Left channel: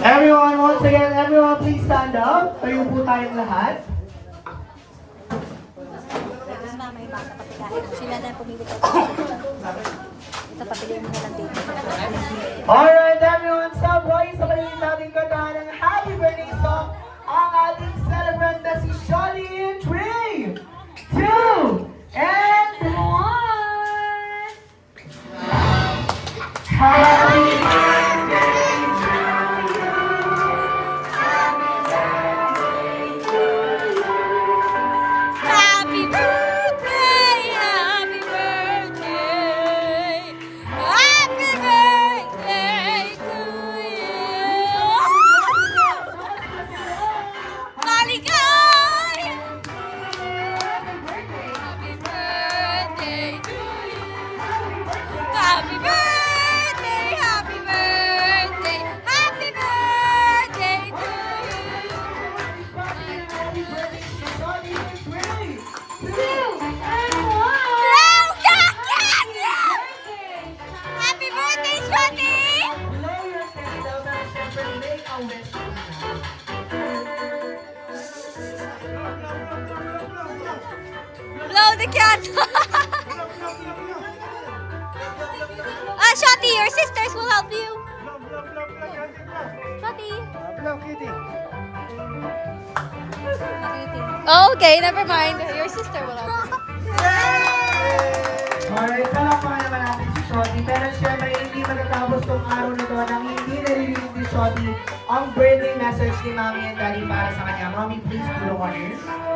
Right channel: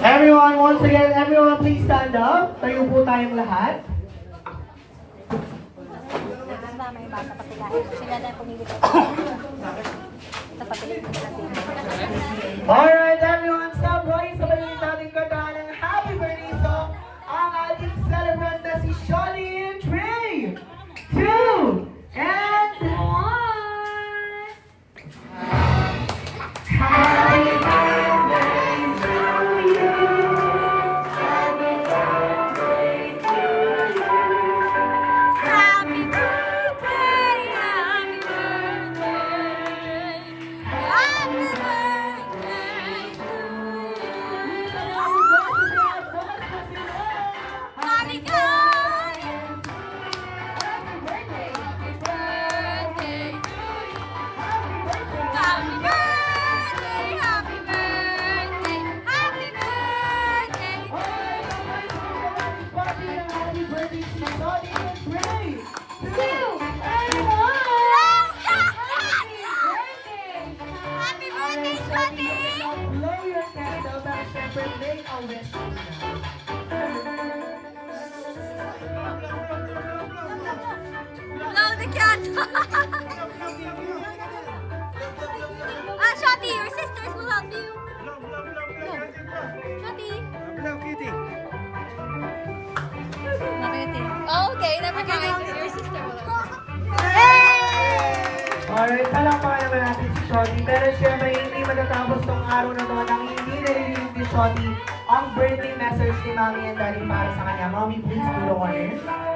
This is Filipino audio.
Everyone, once again, everyone please stand up. Tayo po tayong lahat. Tapos mama yung bata, patilahin mo. Sila na pumili ko. Ito, patiliin mo na lang dito. Alright, everyone, stop boys. Sabay yung ating kanta ng Happy Birthday song. Ang ating celebrant na si Shawty in 3, 2, and 1. Happy birthday to you. Happy birthday to you. Happy birthday! Happy birthday! Happy birthday to you! Maligay! Happy birthday to you! Happy birthday! Happy birthday! Happy birthday to Happy birthday to Shawty in 3, 2, and 1. Happy birthday, Shawty! Blow your candle at syempre make a wish. Blow the candle! Shawty, your sisters will help you. Shawty. Okay, never mind. Your sister will help you. Alright, palakpakan naman natin si Shawty. Pero syempre, hindi matatapos tong araw na to nang hindi naririnig ni Shawty ang burning message ni Mommy and Daddy para sa kanya. Mommy, please do the honors.